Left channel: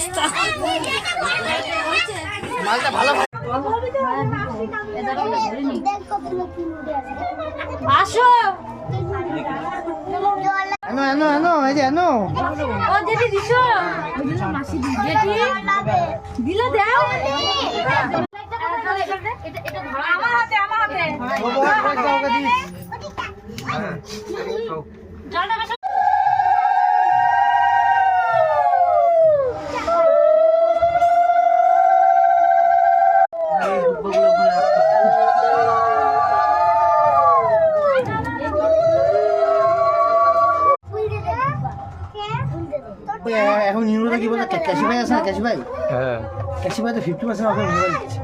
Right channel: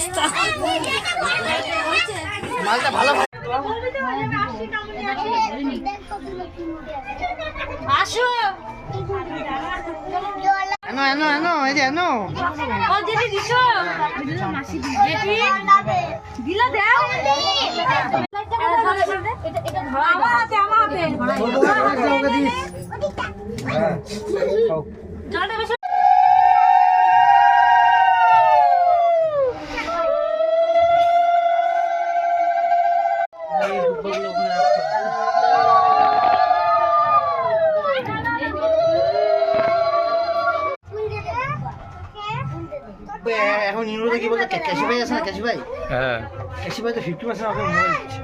অবস্থা। মালটা ভালো। আসো এনো এনো এনো এই যে এনো। ও জেঠি দিছো জেঠি দিলা দাও। আমার হাতে জলটা বেশ। এখন ইউরোতে কি বলছে, ক্যাশি ভাই আছে না, ক্যাশি ভাই? হ্যাঁ ক্যাশি ভাই তো 50% অফার মোবাইল দিচ্ছে।